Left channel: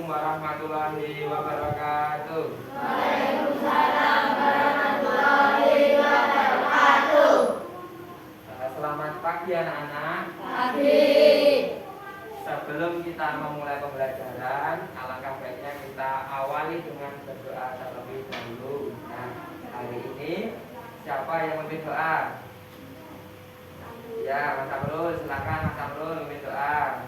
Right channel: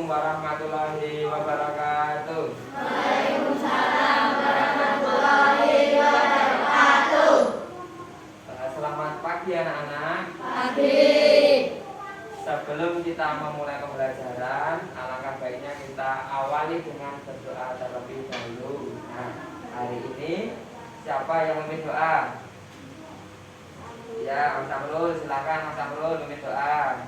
Assalamualaikum warahmatullahi wabarakatuh. Waalaikumsalam warahmatullahi wabarakatuh. Selamat pagi anak-anak. Pagi. Sebelum kita memulai pembelajaran, alangkah baiknya kita awali dengan berdoa terlebih dahulu. Nah, hari ini siapa yang memimpin doa? Ya, Mas Amrul, silakan Mas Amrul memimpin doa.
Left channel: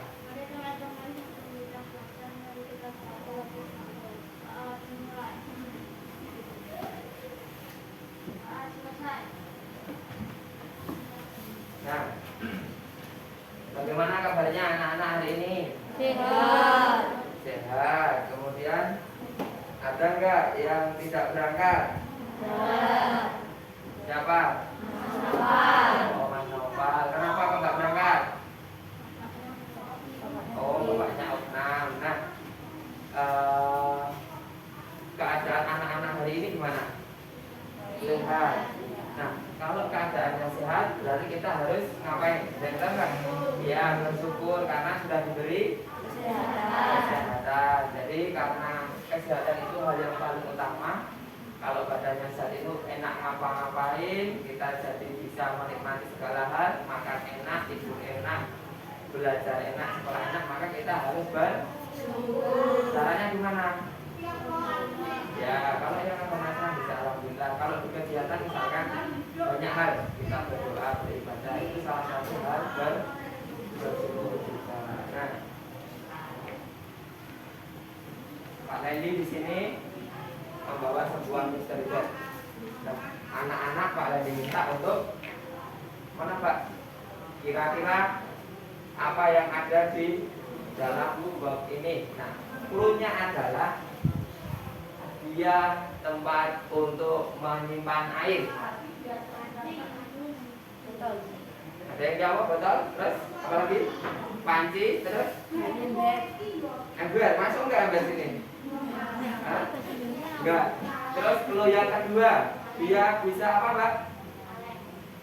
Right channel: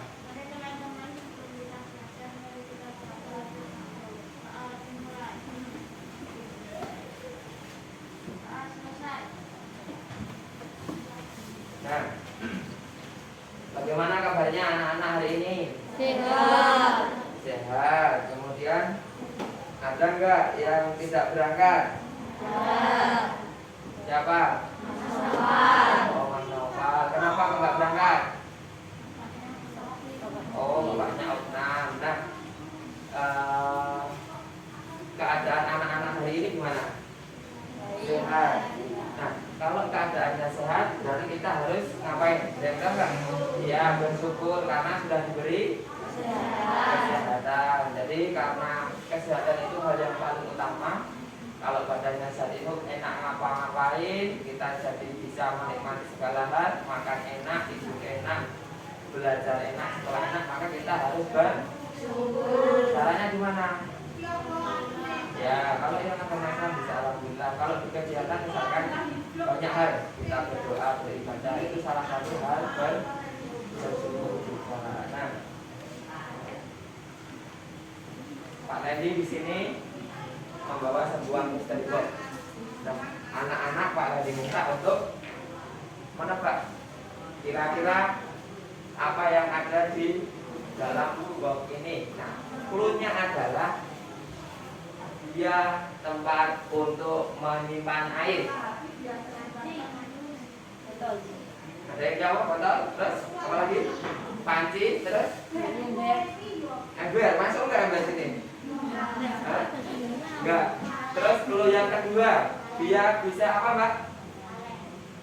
Nah, bagaimana kabarnya anak-anak hari ini? Sehat. Sehat. Kemudian ada enggak yang tidak berangkat? Sehat. Siapa? Sehat. Oh, Mas Noval. Kenapa kok enggak berangkat? Oh, bapaknya Otnam. Nah, keadaan anak-anak hari ini gimana? Sehat. Nah, kalau keadaannya sehat, berarti kita harus ngapain? Benar enggak? Ya, bersyukur karena sudah diberi kesehatan. Jadi karena kesehatan itu hal yang paling utama. Kalau badannya sehat itu enak ngapa-ngapain, kita jadi bisa menikmati segala hal, makan enak, tidur enak, belajar enak, sekolah enak, maka kita harus bersyukur. Caranya gimana? Ya, kalau yang ada masalah bisa alhamdulillah. Kalau kegiatan misalkan banyak hal, kita berdoa, beribadah, itu salah satu hal bersyukur juga. Nah, Pak Lendi di sini membawa sebuah misteri box. Nah, anak-anak Pak Lendi minta untuk mana Pak? Kira-kira apa yang ada di dalam box ini? Nah, clue-nya adalah dia tempat untuk menyimpan air. Ada yang jawab betul? Terus apa lagi? Panci, terus ember. Masuk nggak ember sini? Enggak. Terus clue yang kedua, dia bisa apa Pak?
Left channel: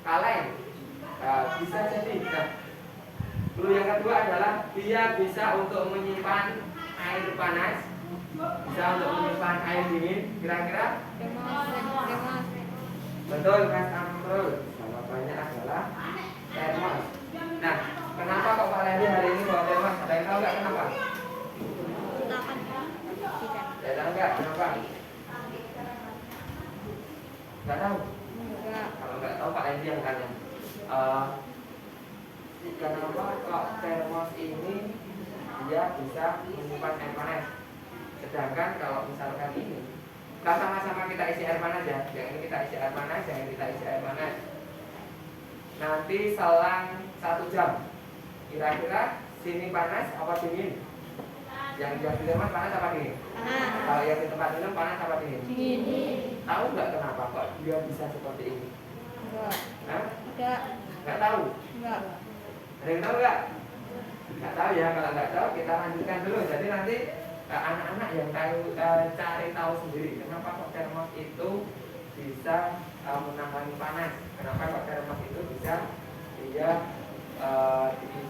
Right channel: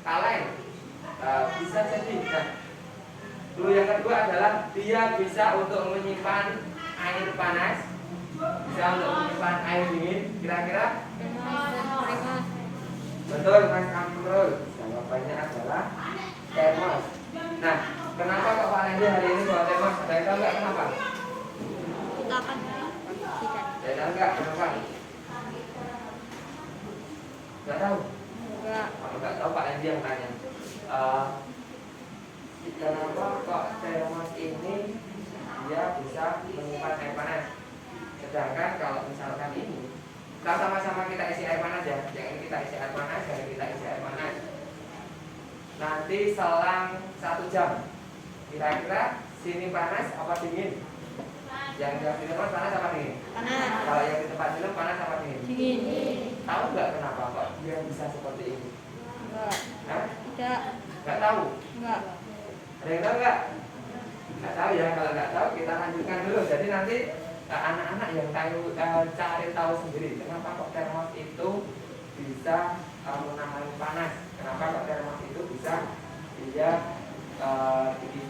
Kaleng. Bisa jadi. Nah, clue yang kedua adalah dia bisa untuk menyimpan air panas, bisa untuk menyimpan air dingin. Kira-kira? Betul Mas Amrul. Jawabannya adalah termos. Nah, kenapa kok Pak Lendi hari ini bawa termos? Ada yang tahu nggak kenapa? Ada tahu nggak kenapa? Nggak tahu? Kalau nggak tahu Pak Lendi yang tanya. Kenapa kok termos ini dia bisa menyimpan air panas? Sedangkan kalau misalkan ini, kita sama-sama kita isi air panas ya. Yang ini kita isi air panas, yang ini kita isi air panas. Nanti selang 1 jam, kira-kira sini panas apa dingin? Yang di termos panas apa dingin? Panas. Kalau yang di tempat minum panas apa dingin? Dingin. Tahu nggak kenapa kok dia bisa seperti ini? Enggak. Hah? Tidak. Nggak tahu? Enggak. Ada yang tahu nggak? Nggak tahu ya. Kalau nggak tahu kita lanjutkan dulu. Jadi nanti anak-anak yang cari tahu sendiri kenapa kok termos itu bisa menahan panas. Kenapa kok termos itu bisa dia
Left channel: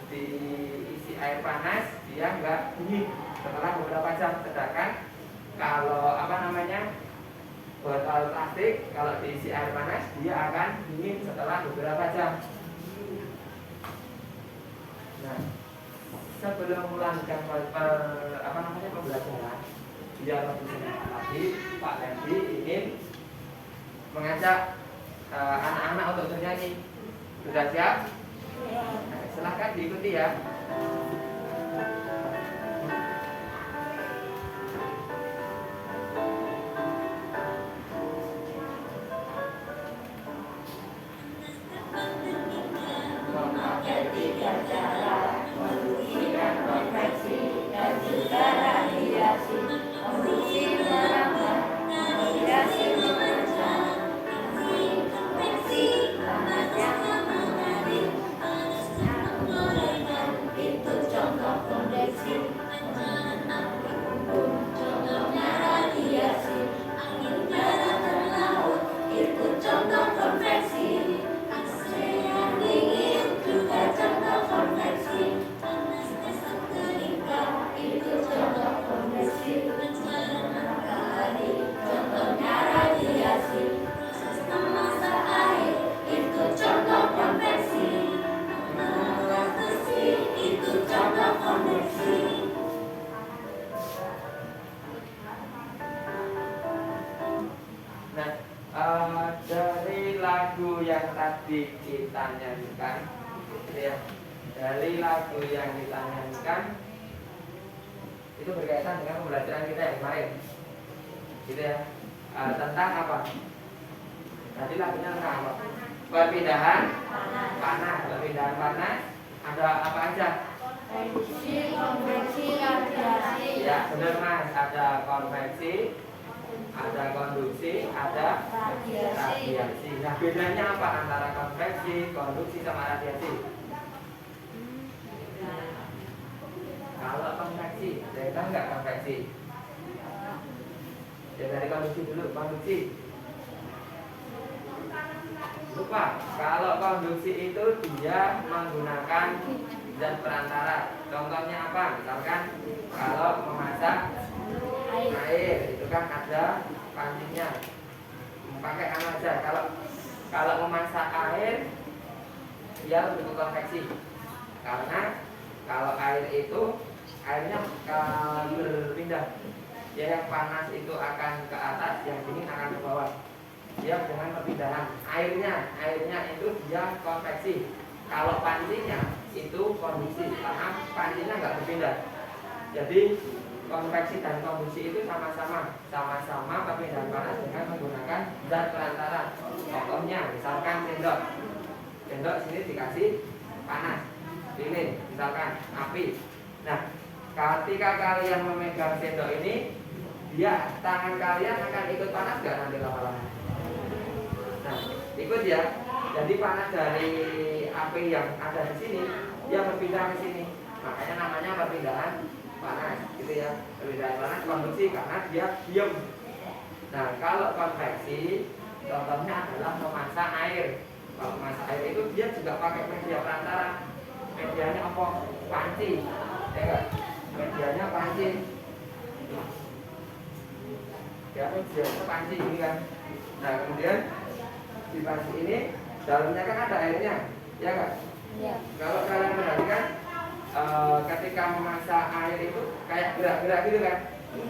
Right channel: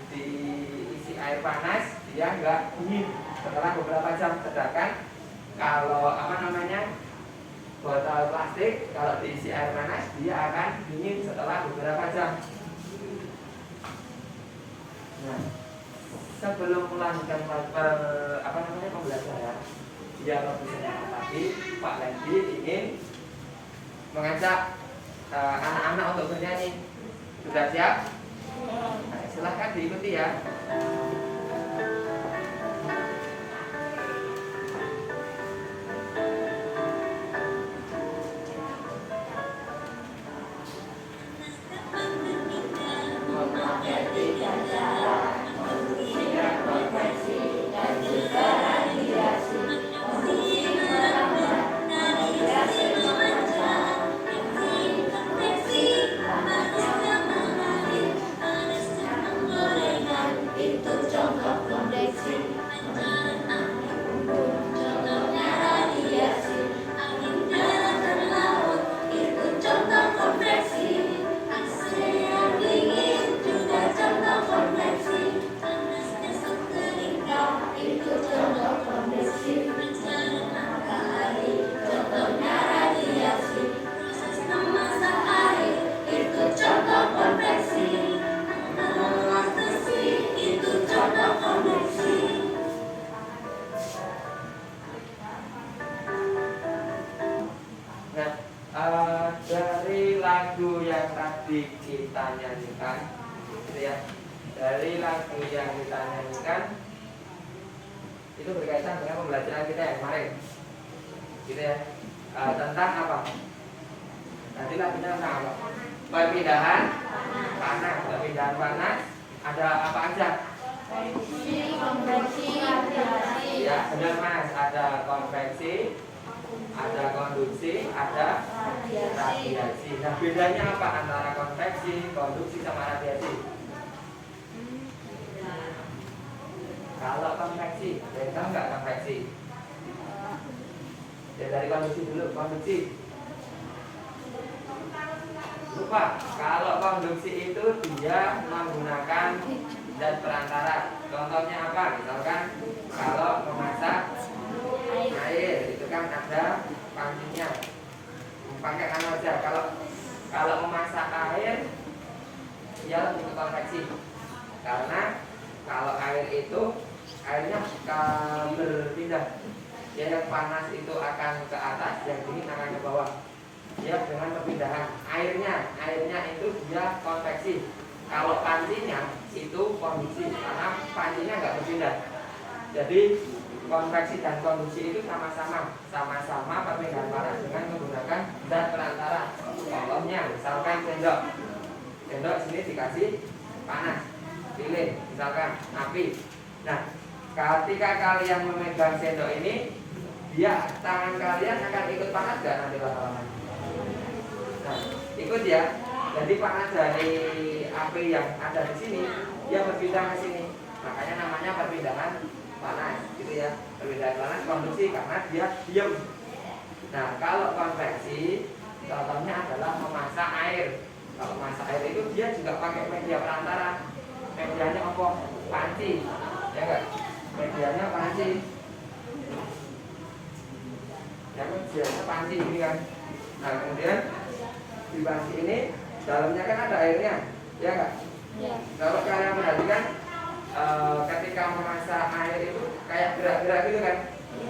diisi air panas dia nggak dingin setelah beberapa jam. Sedangkan kalau botol plastik kalau diisi air panas dia akan dingin setelah beberapa jam. Nah, sebelum melanjutkan pembelajaran, dia bersama lagi Pak Lendi ingin mengajak anak-anak untuk bernyanyi. Sudah siap? Nah, silahkan diikuti ya. Itu kita nyanyikan, gitu ya. Dari lagu yang kita nyanyikan itu berkaitan dengan pembelajaran kita yang kemarin, gitu ya. Tentang apa? Tadi lagunya tentang apa? Perpindahan panas. Perpindahan panas ada apa aja? Konveksi, konveksi, radiasi. Ya, benar Mas. Ada konveksi, ada konduksi, ada radiasi. Nah, bedanya apa antara konveksi, konduksi sama radiasi? Kalau konveksi, saya tahu nggak konveksi? Ya, dari konduksi dulu, konduksi. Lupa, kalau konduksi itu dia menggunakan zat perantara. Contohnya apa? Misalkan kalau memasak air itu kan ada pancinya. Pakai apa aja? Kalau memasak air dia lebih konveksi. Karena kalau air itu airnya berpindah. Ya, yang panas itu akan ke atas, yang dingin akan ke bawah. Ya, dengan perpindahan airnya itu dia konveksi. Kalau pancinya itu konduksi, karena pancinya nggak berpindah. Jadi konveksi dan konduksi itu sama-sama perpindahan panas dengan menggunakan zat perantara. Contohnya misalkan sendok sini dikasih panas, lilin misalkan api. Nah, ketika kalian memegang sendok ini, dia tangan kalian akan ikut panas gak nanti lama-lama? Nah, ikut ya. Jadi panas dari api yang ada di sini dia berpindah ke sini. Makanya namanya perpindahan panas, gitu ya. Perpindahan panas konduksi karena dia diam. Nah, kalau konveksi contohnya adalah memasak air. Kalau memasak air itu dia juga pakai media perantara. Medianya apa? Panci. Ya enggak? Medianya panci. Ya, medianya panci ini kan. Nah, kemudian di panci ini dalamnya kan ada airnya, ya enggak? Ya. Kalau kalian perhatikan ketika memasak air itu kayak gerak-gerak gitu kan?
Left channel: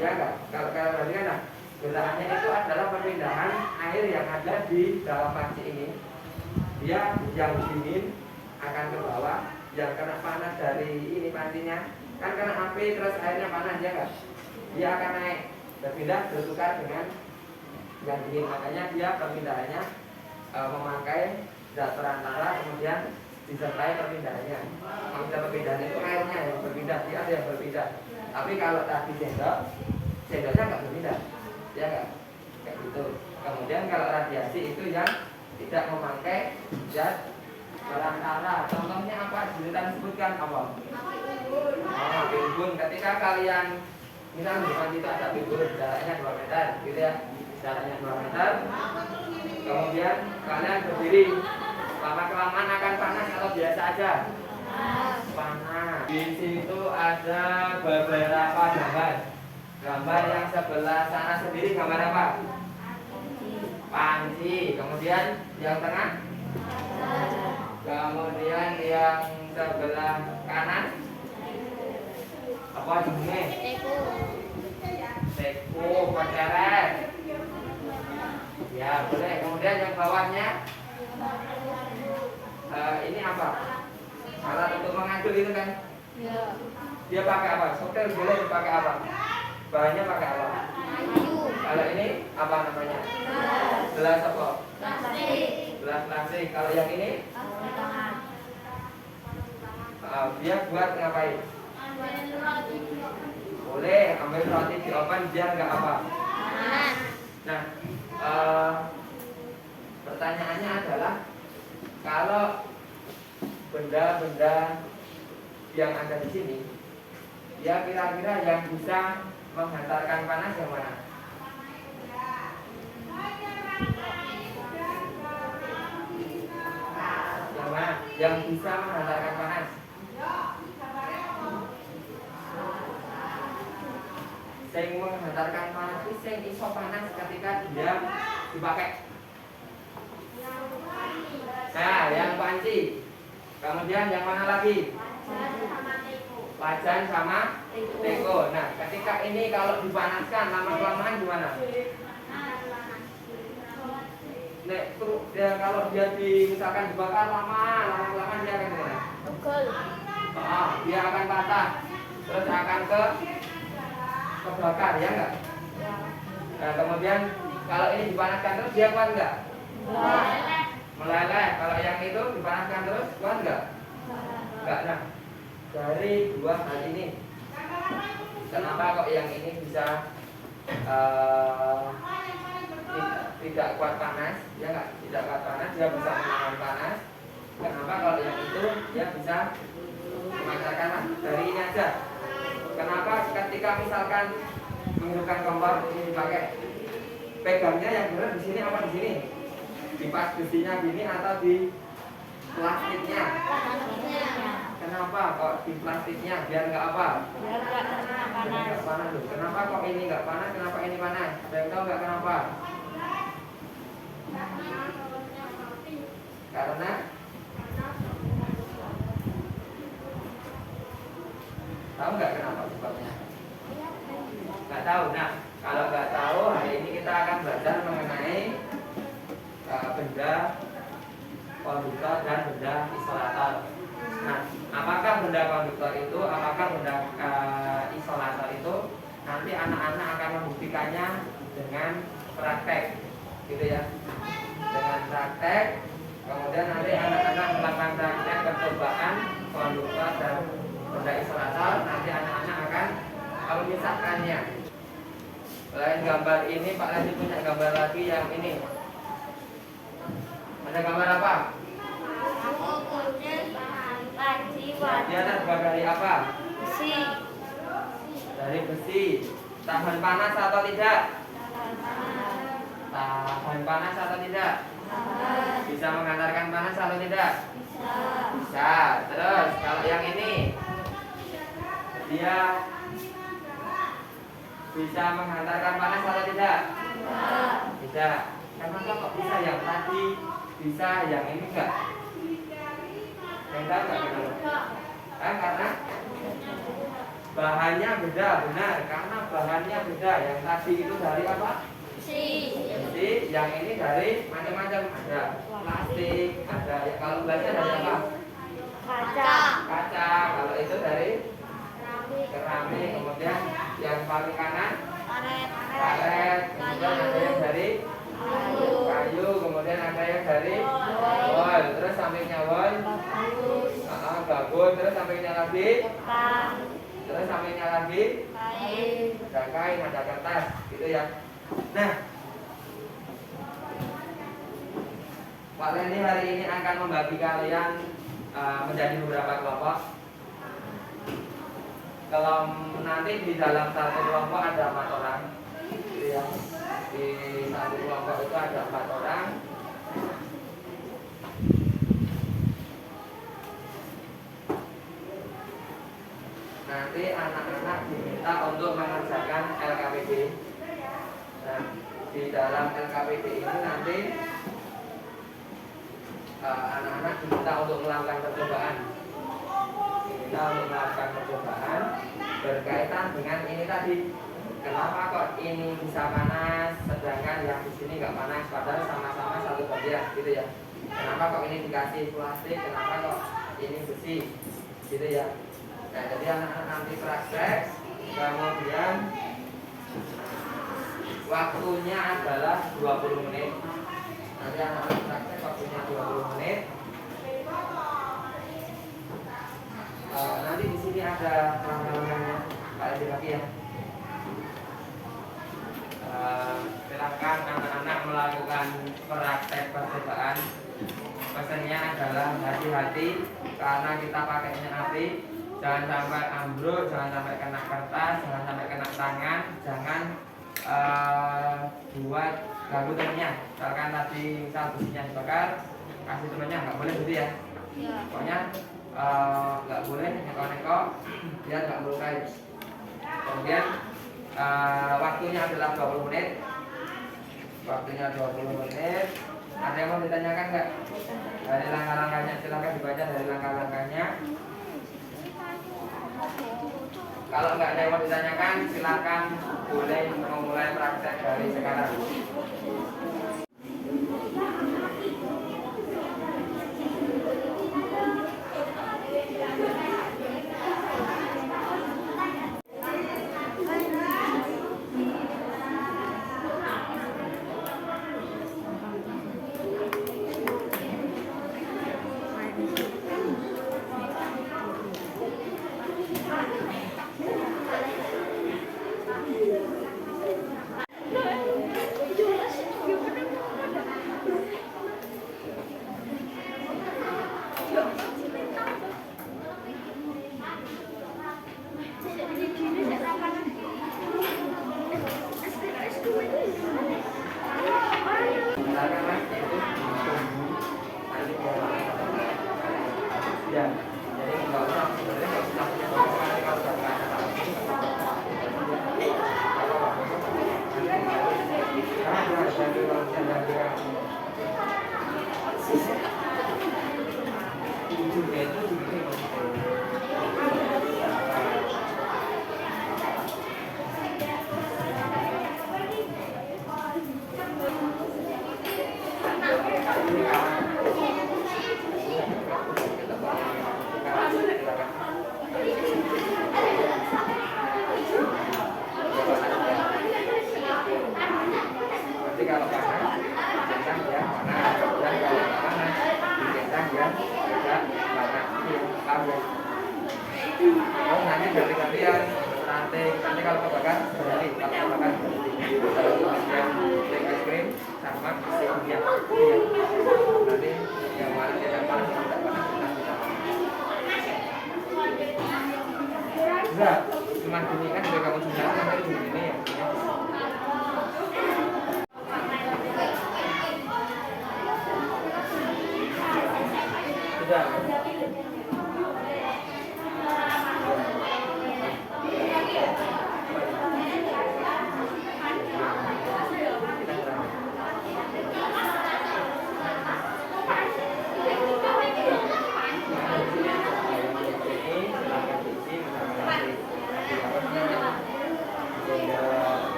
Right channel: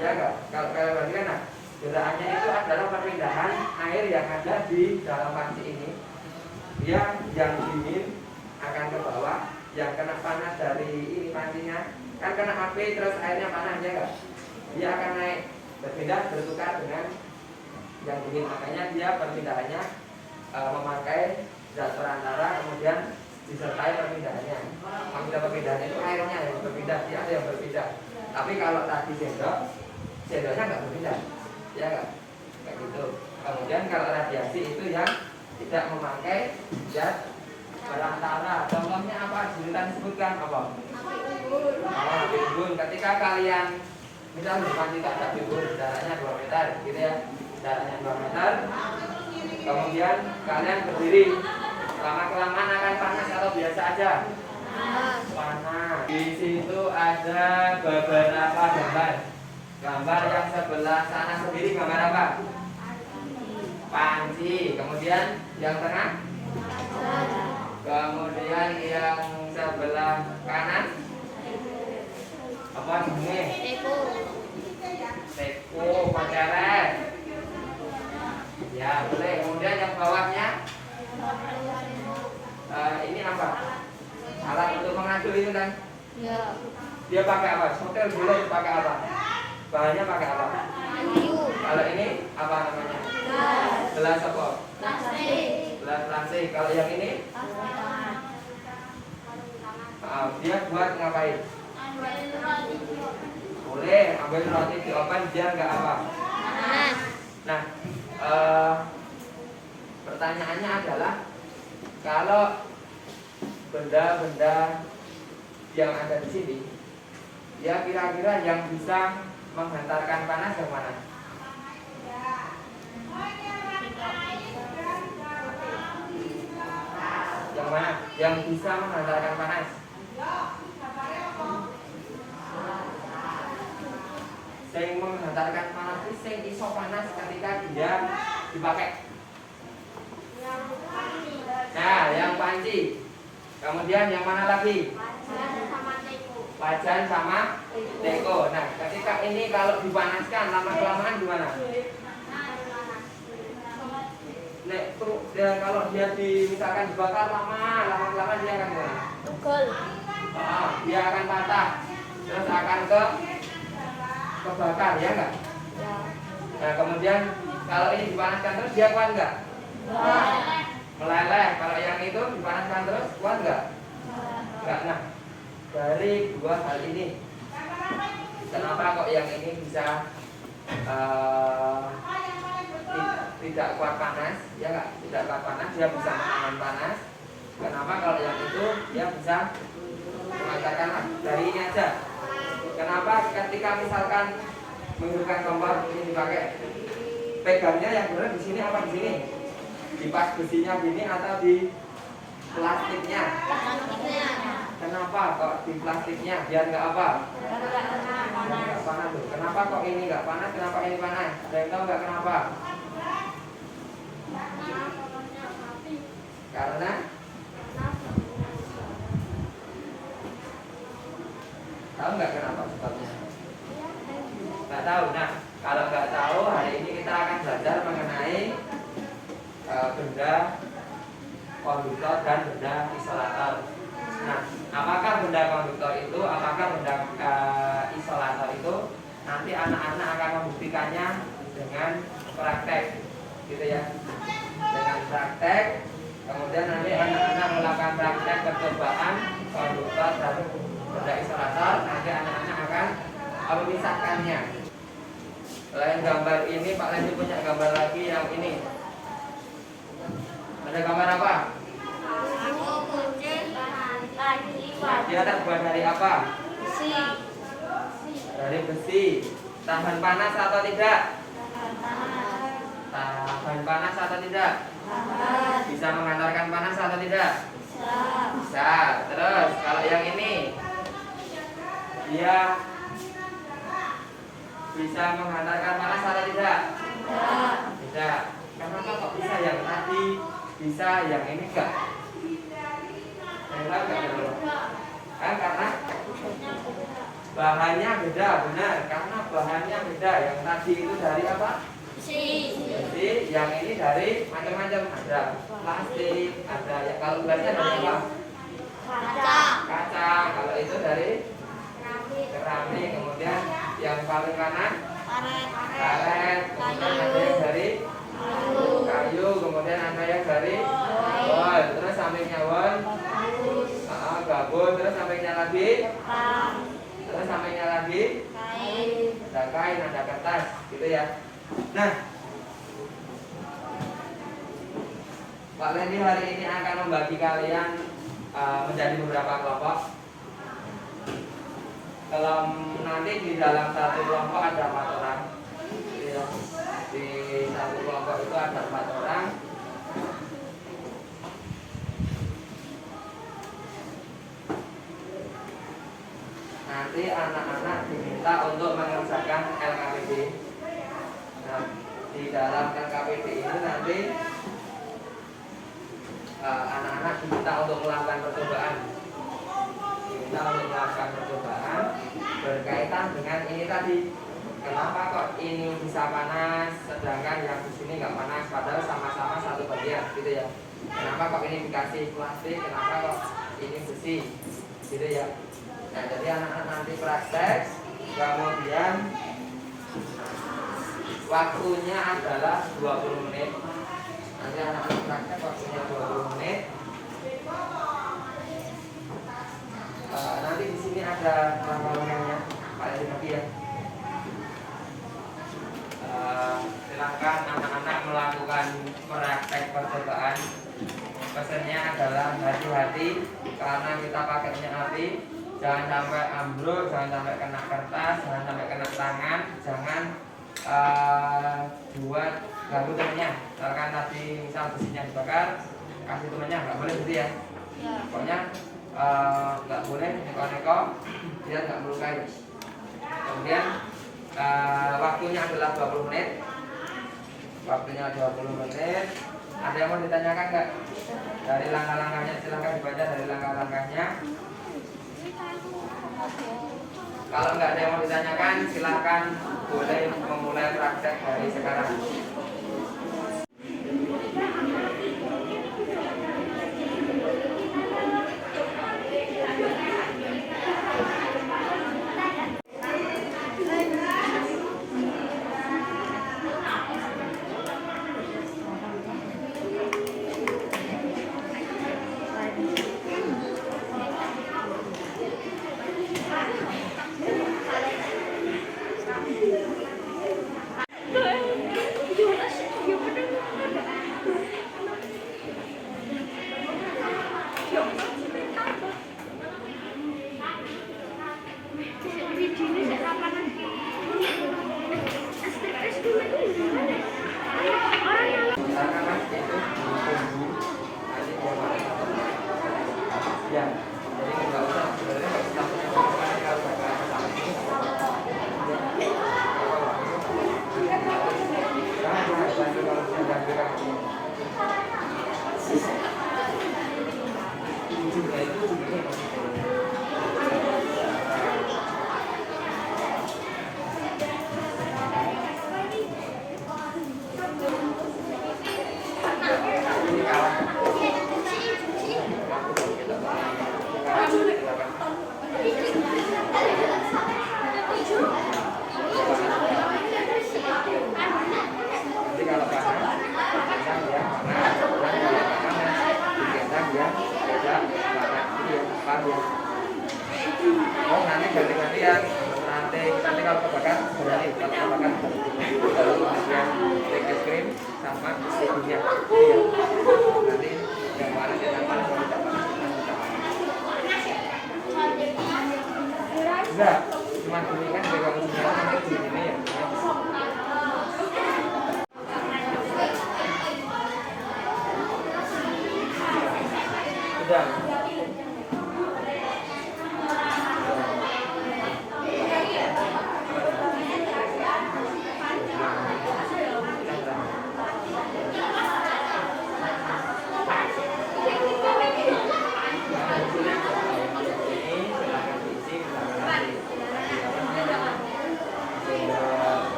Ya enggak? Kalau kalian perhatikan, nah, gerakannya itu adalah perpindahan air yang ada di dalam panci ini. Dia yang dingin akan ke bawah, yang kena panas dari ini pancinya kan kena api terus airnya panas, ya enggak? Dia akan naik, berpindah bertukar dengan yang dingin. Makanya dia perpindahannya memakai zat perantara, kemudian disertai perpindahannya. Maksudnya perpindahan itu airnya yang berpindah, dia ada yang berpindah. Tapi kalau tadi sendoknya nggak berpindah, ya kan? Kayak gitu. Kemudian kalau radiasi itu yang tidak memakai zat perantara. Contohnya apa? Julian sebutkan apa? Api unggun. Ketika kalian misalnya di panci ada api unggun, jaraknya 2 meter, gitu ya. Jaraknya 2 meter. Kemudian kalian berdiri, lama-kelamaan akan panas atau biasa aja? Panas. Di sini tuh ada beberapa gambar. Gambar yang sebelah sana sendiri gambar apa? Panci. Kemudian yang tengah? Kemudian yang sebelah kanan? Apa jenenge? Teko, koceret. Ya, boleh. Kemudian yang bawahnya ini apa? Alat untuk mengaduk itu kan? Ya. Dia pakai apa? Hotel boleh pakai apa? Bahannya pakai apa? Kayu. Kalau ini apa namanya? Gelas apa? Plastik. Gelas plastik. Kalau yang ini? Dia buat ngapain? Boleh ambil roti di oven biar nggak apa? Panas. Nah, pertanyaannya adalah kalau benda-benda yang ada di sini, ya kira-kira yang bisa menghantarkan panas yang mana? Yang mana? Yang bisa menghantarkan panas? Yang menghantarkan panas itu yang iso panas ketika dia dipakai. Nah, yang panci. Kemudian yang mana lagi? Wajan sama teko. Nah, ketika ini kalau dipanaskan lama-kelamaan gimana? dia kalau dia misalkan dibakar lama dia akan gimana? Pukul. Dia akan patah, terus akan kebakar, ya enggak? Nah, kemudian kalau ini dipanaskan terus dia kuat enggak? Meleleh. Kalau yang itu dipanaskan terus kuat enggak? Enggak. Nah, dari dua hal ini, kenapa kok yang ini bisa tidak kuat panas, ya enggak? Tidak kuat panas, dia bisa menahan panas. Kenapa kalau yang itu dia bisa mengatakan dari ini aja? Kenapa ketika misalkan menghidupkan kompor ini dipakai, pegangnya yang benar di sini apa di sini? Di pas besinya gini atau di plastiknya? Kenapa kok di plastiknya? Biar nggak apa? Nggak panas loh. Kenapa kok ini nggak panas? Kenapa ini panas? Ada yang tahu nggak kenapa? Karena tahu nggak kenapa sebabnya? Nggak tahu. Nah, kalau nggak tahu, hari ini kita akan belajar mengenai benda konduktor dan benda isolator. Nah, apakah benda konduktor itu, apakah benda isolator itu, nanti anak-anak akan membuktikannya dengan praktek, gitu ya. Dengan praktek, kemudian nanti anak-anak melakukan praktek percobaan konduktor dan benda isolator. Nanti anak-anak akan memisahkannya. Selain gambar ini, Pak Lendi punya gambar lagi yang ini. Ada gambar apa? Dia terbuat dari apa? Besi. Dari besi. Tahan panas atau tidak? Tahan panas atau tidak? Bisa mengantarkan panas atau tidak? Bisa. Terus kalau yang ini, dia bisa menghantarkan panas atau tidak? Tidak. Kenapa kok bisa yang tadi bisa, yang ini enggak? Enggak kenapa? Karena bahannya beda, benar. Karena bahannya beda. Yang tadi itu dari apa? Besi. Yang ini dari macam-macam. Ada plastik, ada ya, kalau gelasnya dari apa? Kaca. Kalau itu dari keramik. Kemudian yang paling kanan karet. Kemudian ada yang dari kayu. Kemudian ada yang dari wol. Terus sampingnya wol, gabus. Terus sampingnya lagi, terus sampingnya lagi ada kain, ada kertas, gitu ya. Nah, Pak Lendi hari ini akan membagi kalian menjadi beberapa kelompok. Kalau nanti di dalam satu kelompok ada 4 orang, gitu ya. Di satu kelompok itu ada 4 orang. Nanti anak-anak diminta untuk mengerjakan LKPD. Nah, di dalam LKPD ini nanti anak-anak diminta untuk melakukan percobaan. Diminta untuk melakukan percobaan berkaitan dengan ini tadi. Kenapa kok ini bisa panas, sedangkan yang di sini nggak panas, padahal sama-sama satu bagian, gitu ya. Kenapa kok ini dikasih plastik, kenapa kok ini besi, gitu ya. Nah, jadi anak-anak nanti praktek, kemudian waktunya adalah 20 menit. Nanti anak-anak praktek waktunya 20 menit. Nanti di sini ada langkah-langkahnya, Pak Edi tadi ya. Silakan anak-anak melakukan praktek percobaan. Pesannya adalah hati-hati karena kita pakainya api. Jangan sampai ambruk, jangan sampai kena kertas, jangan sampai kena tangan, jangan buat ganggu temennya. Misalkan tadi misal besinya dibakar, kasih temennya, nggak boleh gitu ya. Pokoknya nggak boleh neko-neko biar nggak melukai. Kemudian waktunya adalah 20 menit. Waktunya 20 menit. Ada yang mau ditanyakan nggak? Dari langkah-langkahnya, silakan dibaca dari langkah-langkahnya. Kalau nggak ada yang mau ditanyakan, silakan boleh memulai praktek dari sekarang. ujungnya itu begini maksudnya. Nanti kalau panas, digendang ya panas. Dan kalau panas, digendang ya tidak panas. Ini ya, paham ya? Terus nanti ganti-gantian ranting. Nanti kalau kebakar berani, kalau kebakar berhenti. Kalau kemudian beli es krim sama istrinya, iya. Nanti yang paling tidak panas yang tidak panas kita tidak panas. Enggak, cuma gini kan biar kamu juga nanti di sini ya. Sudah.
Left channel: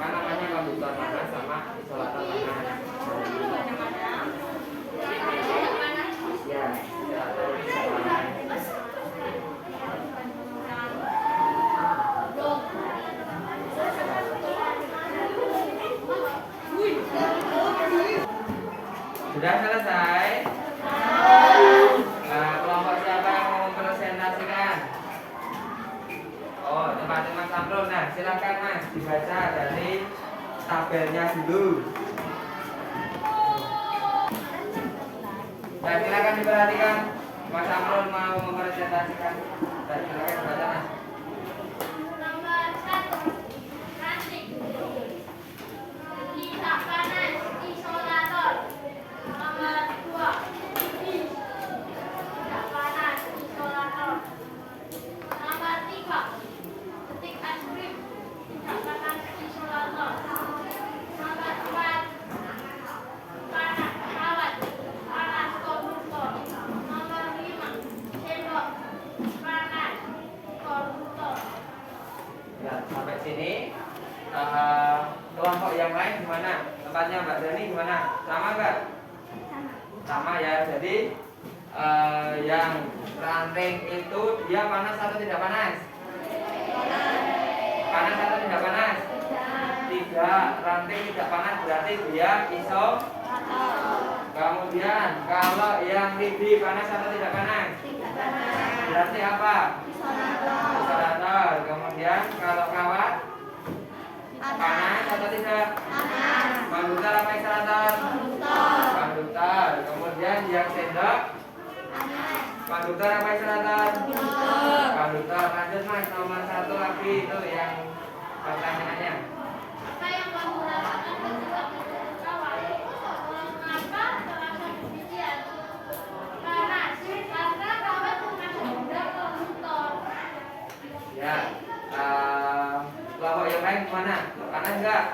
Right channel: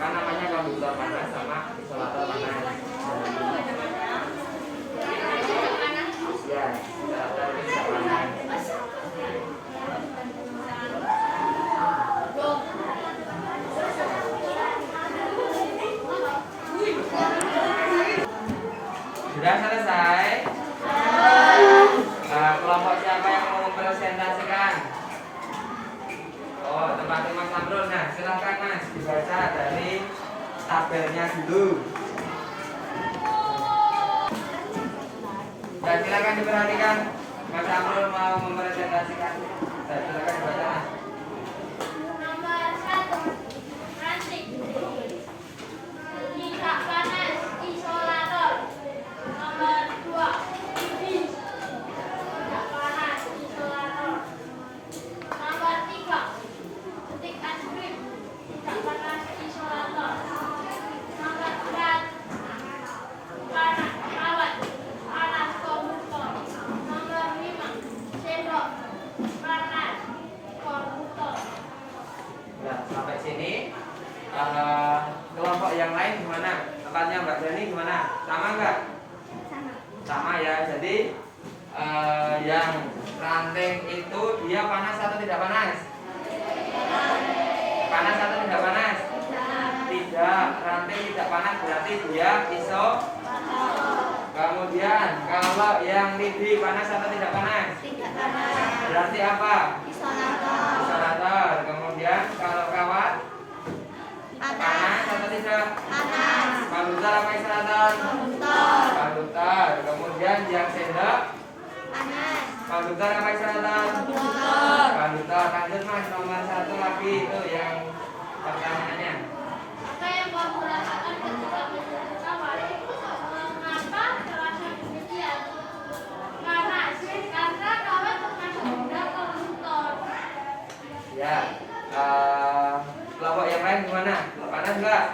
Kan namanya konduktor panas sama isolator panas. Ya, isolator ini bisa panas. Sudah selesai? Nah, kelompok siapa yang mau mempresentasikan? Oh, tempatnya Mas Amrul. Nah, silakan Mas dibaca dari tabelnya dulu. Dan silakan diperhatikan. Mas Amrul mau mempresentasikan. Dan silakan dibaca Mas. Nomor 1, ranting. Tidak panas, isolator. Nomor 2, lidi. Tidak panas, isolator. Nomor 3, petik es krim. Tidak panas, isolator. Nomor 4, panas kawat. Panas konduktor. Nomor 5, sendok. Panas konduktor. Ya, sampai sini. Kelompok yang lain gimana? Tempatnya Mbak Dani gimana? Sama nggak? Sama ya. Jadi yang ranting itu dia panas atau tidak panas? Panas atau tidak panas? Tidak. Ranting tidak panas berarti dia isolator. Kemudian kalau yang lidi panas atau tidak panas? Berarti apa? Isolator. Kemudian kalau kawat panas atau tidak? Konduktor apa isolator? Konduktor. Kemudian yang sendok konduktor apa isolator? Konduktor. Lanjut Mas, nomor 1 lagi itu yang pertanyaannya. Apa yang kamu rasakan ketika menyentuh kawat? Mengapa terasa demikian? Panas, karena kawat termasuk benda konduktor. Ya. Kelompok yang lain gimana? Panas enggak?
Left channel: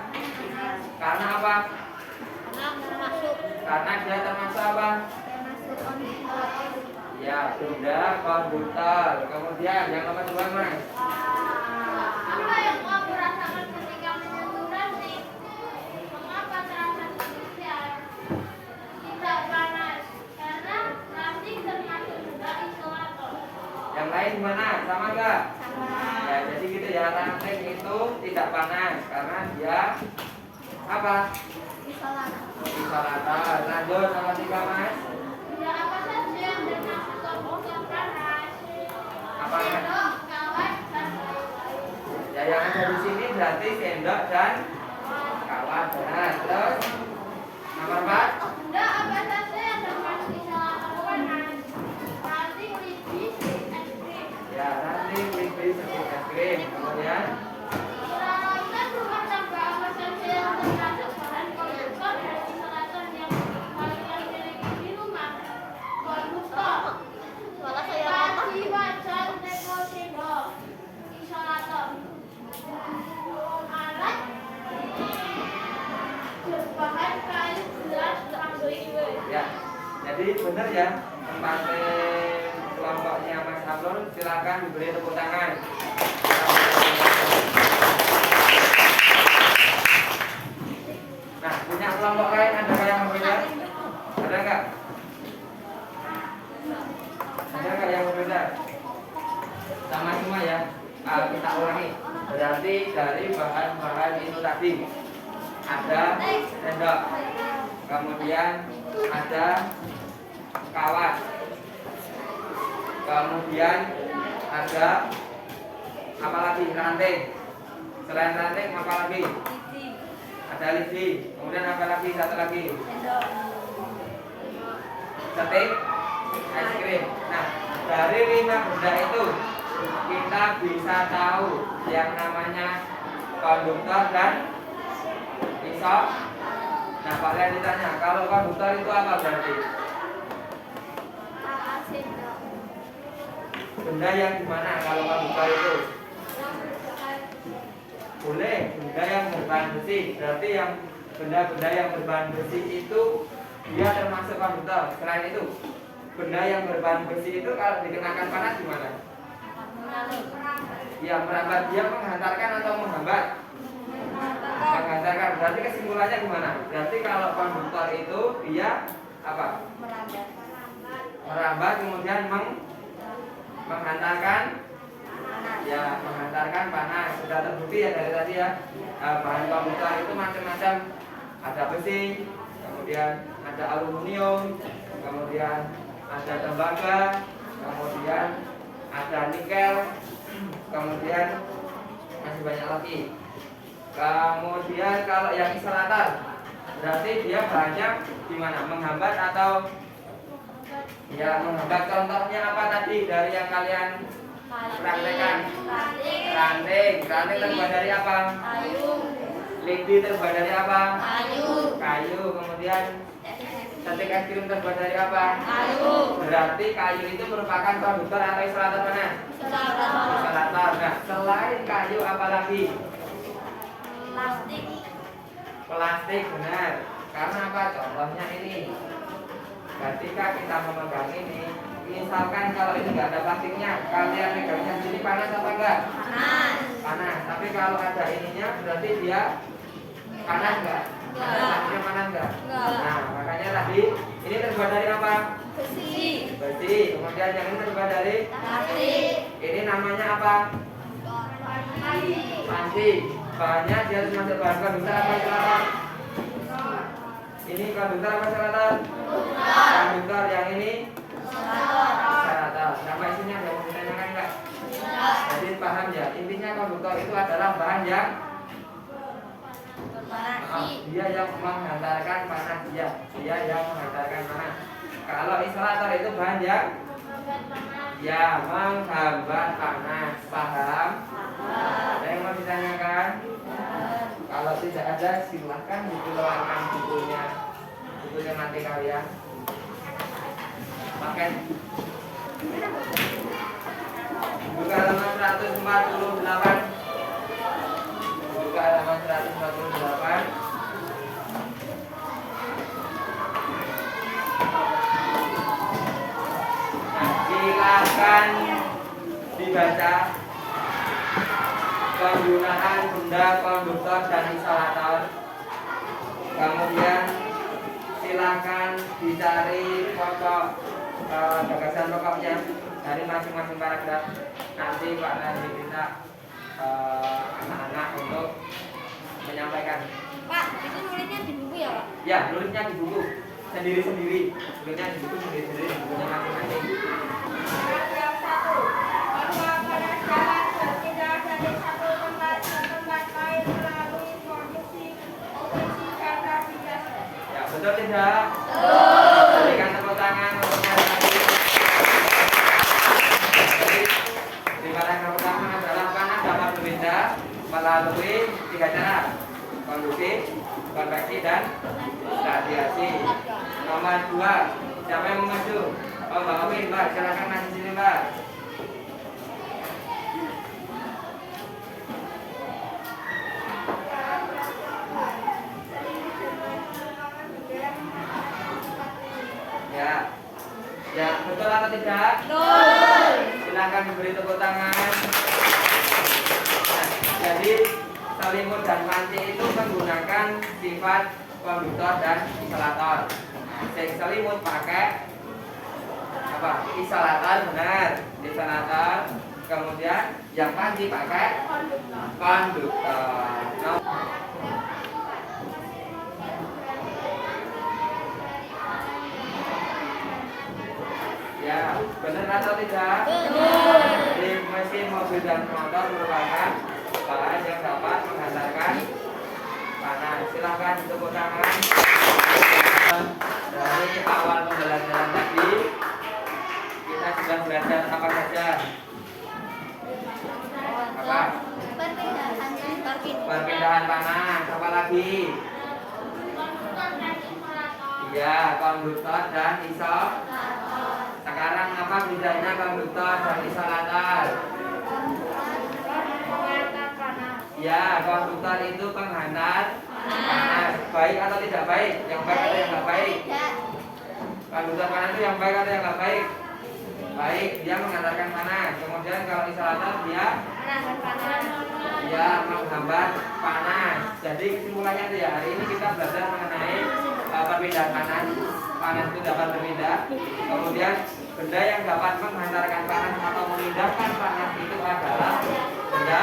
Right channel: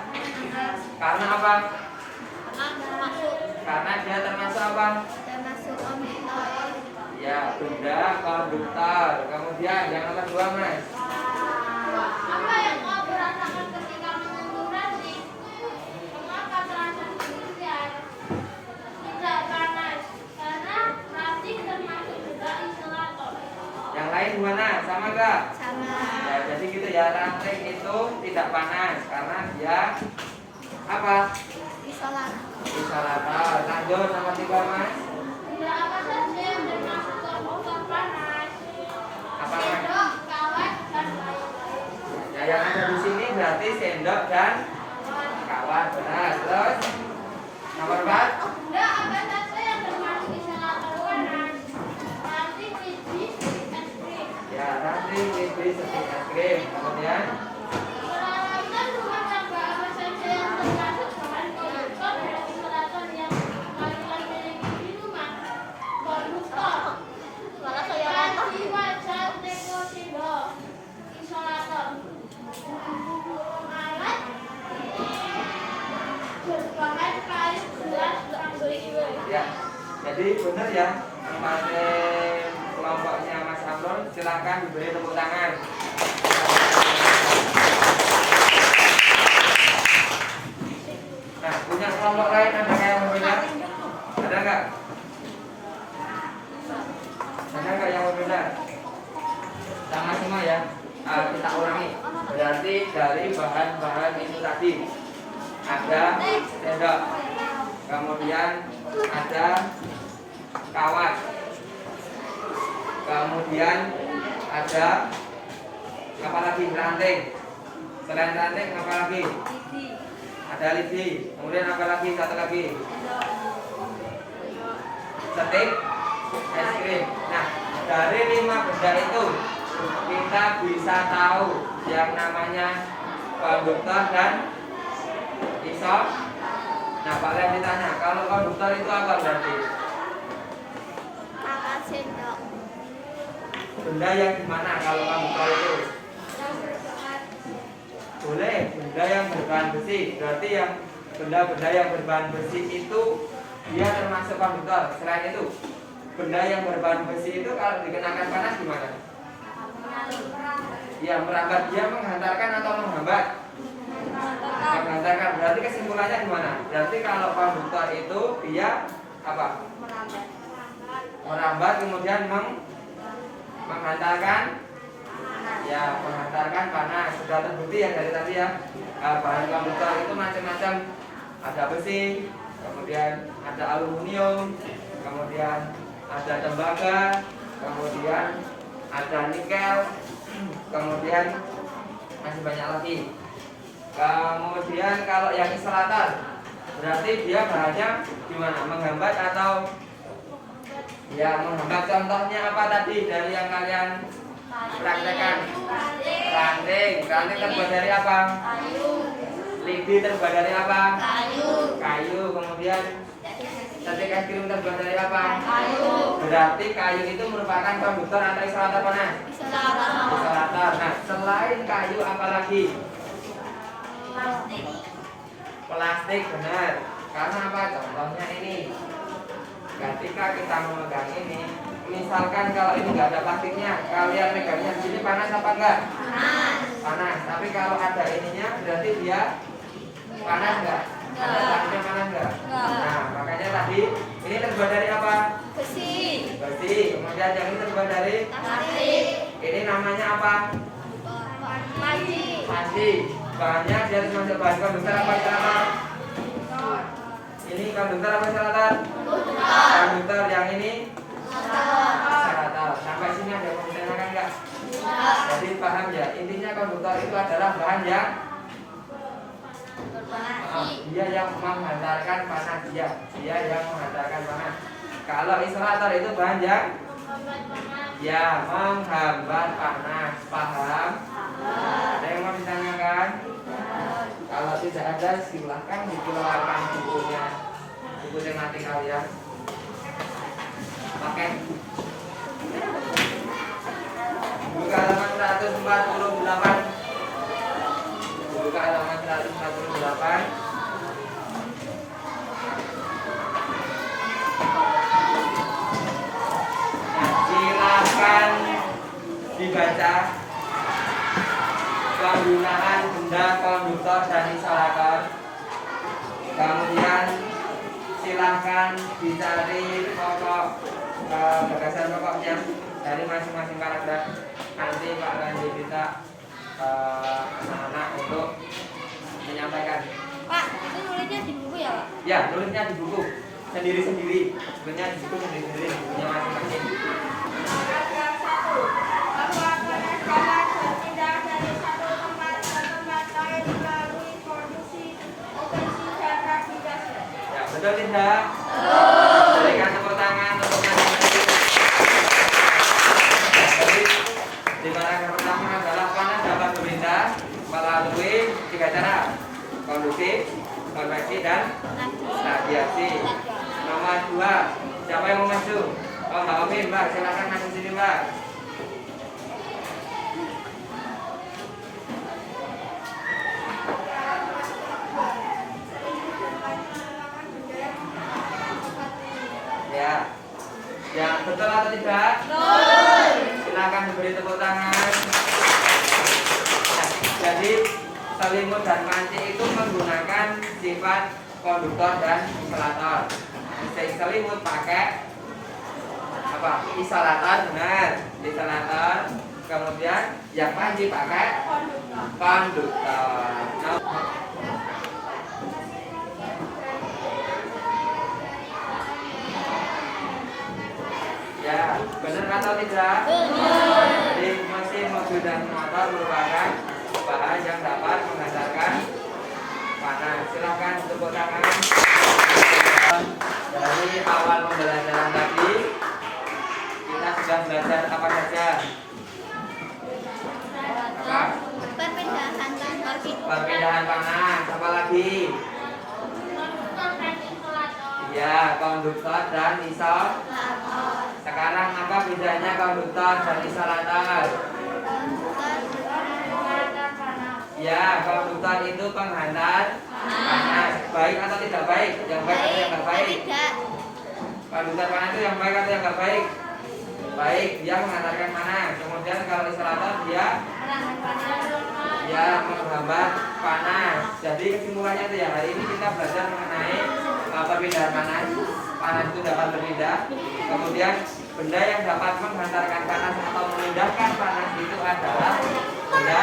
Karena apa? Karena dia termasuk apa? Ya, benda konduktor. Kemudian yang nomor 2 Mas. Apa yang kamu rasakan ketika menyentuh ranting? Mengapa terasa demikian? Tidak panas, karena ranting termasuk juga isolator. Yang lain gimana? Sama enggak? Ya, jadi gitu ya, ranting itu tidak panas karena dia apa? Isolator. Lanjut nomor 3 Mas. Apa saja yang termasuk konduktor panas? Apa Mas? Sendok, kawat, dan lain-lain. Ya, yang ada di sini berarti sendok dan kawat. Benar. Terus nomor 4. Benda apa saja yang termasuk isolator panas? Ranting, lidi, es krim. Ya, ranting, lidi, setik es krim. Kemudian Peralatan rumah tangga apa saja yang termasuk bahan konduktor dan isolator yang kalian miliki di rumah? Jadi benar ya, tempatnya kelompoknya Mas Amrul, silakan diberi tepuk tangan. Nah, punya kelompok lain ada yang berbeda? Ada nggak? Ada nggak yang berbeda? Sama semua ya. Kita ulangi. Berarti dari bahan-bahan itu tadi ada sendok, kemudian ada kawat, kemudian ada apa lagi? Ranting. Selain ranting apa lagi? Ada lidi. Kemudian apa lagi? Satu lagi. Stik es krim. Nah, dari 5 benda itu kita bisa tahu yang namanya konduktor dan isop. Nah, Pak Len ditanya, kalau konduktor itu apa berarti? Benda yang gimana kalau konduktor itu? Boleh, benda yang berbahan besi. Berarti yang benda-benda yang berbahan besi itu dia termasuk konduktor. Selain itu, benda yang berbahan besi itu kalau dikenakan panas gimana? Ya, merambat. Dia menghantarkan atau menghambat? Menghantarkan. Berarti kesimpulannya gimana? Berarti kalau konduktor itu dia apa? Merambat kemudian menghantarkan. Ya, menghantarkan panas. Sudah terbukti ya dari tadi ya. Bahan konduktor itu macam-macam. Ada besi, kemudian ada aluminium, kemudian ada tembaga, kemudian ada nikel, kemudian masih banyak lagi. Kemudian kalau yang isolator, berarti dia bahannya gimana? Menghambat atau ya menghambat? Contohnya apa tadi dari yang kalian praktekkan? Ranting. Ranting terbuat dari apa? Lidi terbuat dari apa? Kayu. Kemudian stik es krim terbuat dari apa? Berarti kayu itu merupakan konduktor atau isolator mana? Isolator. Nah, selain kayu apa lagi? Plastik, benar. Karena apa? Contohnya ini. Ketika kita memegang ini, misalkan kalau ini nggak ada plastiknya, kalian megangnya di sini panas apa enggak? Panas. Tapi kalau ada ininya, berarti dia panas enggak? Plastiknya panas enggak? Nah, makanya tadi ini terbuat dari apa? Besi. Kemudian yang ini terbuat dari plastik. Ini namanya apa? Pasti. Bahannya dia harus masuk bahan konduktor apa isolator? Ini konduktor apa isolator? Konduktor. Yang ini isolator. Sampai sini ada yang mau ditanyakan enggak? Jadi paham ya, intinya konduktor itu adalah bahan yang dia yang menghantarkan panas. Dia yang menghantarkan panas. Kalau isolator itu bahan yang ya menghambat panas. Paham? Ada yang mau ditanyakan? Kalau tidak ada, silahkan dikeluarkan bukunya, buku tematik kalian. Pakai buka halaman 148. Buka halaman 148. Nah, silakan dibaca penggunaan benda konduktor dan isolator. Kemudian silakan dicari pokok gagasan pokoknya dari masing-masing paragraf. Nanti Pak Randi kita anak-anak untuk menyampaikan. Pak, itu nulisnya di buku ya, Pak? Ya, nulisnya di buku sendiri-sendiri. Bukunya di buku sendiri-sendiri, bukunya masing-masing. Paragraf 1. Bahwa pada jalan berpindah dari satu tempat ke tempat lain melalui produksi operasi dan navigasi. Ya, betul tidak? Berikan tepuk tangan untuk masing-masing. Jadi, di paragraf pertama adalah panas dapat berpindah melalui 3 cara: konduktif, konveksi, dan radiasi. Nomor 2, siapa yang mau maju? Oh, Mbak Omin, Mbak, silakan maju sini, Mbak. Ya, Ya, betul atau tidak? Betul. Silakan diberi tepuk tangan. Nah, jadi selimut dan panci itu menggunakan sifat konduktor dan isolator. Selimut pakai apa? Isolator, benar. Isolator. Kemudian yang panci pakai konduktor. Ya, benar atau tidak? Benar. Jadi mesin mobil dan motor merupakan bahan yang dapat menghantarkan panas. Silahkan tepuk tangan. Dari awal pembelajaran tadi kita sudah belajar apa saja? Apa? Perpindahan panas. Apa lagi? Ya, konduktor dan isolator. Sekarang apa bedanya konduktor dan isolator? Ya, konduktor itu penghantar panas. Baik atau tidak baik? Yang baik atau yang tidak baik? Konduktor panas itu yang baik atau yang tidak baik? Baik, dia menghantarkan panas. Kemudian kalau isolator dia menghambat panas. Jadi kesimpulannya itu ya, hari ini kita belajar mengenai perpindahan panas. Panas itu dapat berpindah. Kemudian benda yang dapat menghantarkan panas atau memindahkan panas itu adalah benda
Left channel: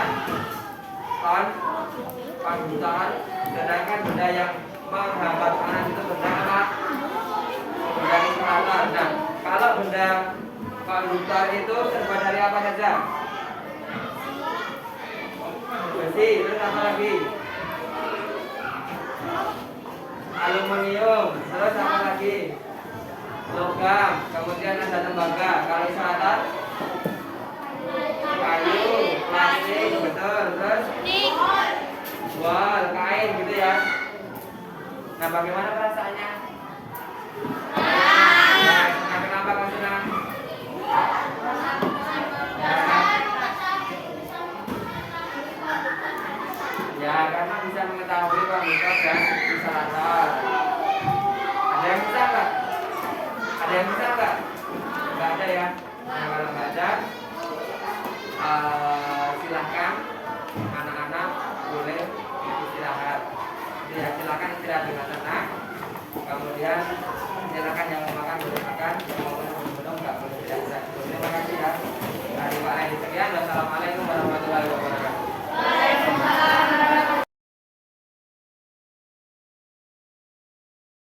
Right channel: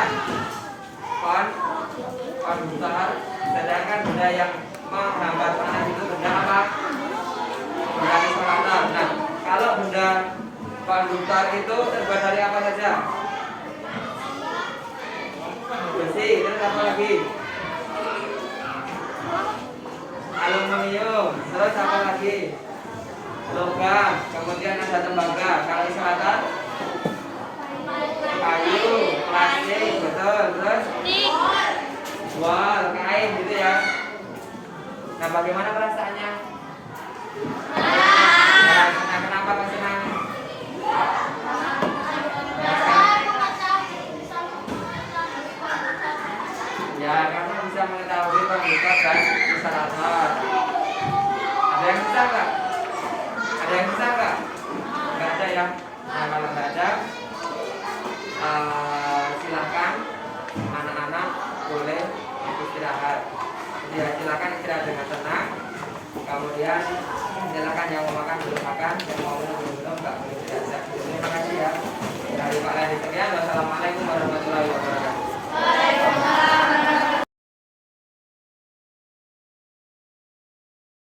konduktor. Sedangkan benda yang menghambat panas itu benda apa? Benda isolator. Nah, kalau benda konduktor itu terbuat dari apa saja? Besi, terus apa lagi? Aluminium, terus apa lagi? Logam, kemudian ada tembaga. Kalau isolator kayu, plastik, betul. Terus wall, kain gitu ya. Nah, bagaimana perasaannya? Nah, kenapa kau senang? Ya, karena bisa mengetahui konduktor dan isolator. Ada yang bisa nggak? Ada yang bisa nggak? Nggak ada ya. Nah, kalau nggak ada, silahkan anak-anak boleh istirahat. Ya, silahkan istirahat dengan tenang. Kemudian silakan yang mau makan boleh makan, yang mau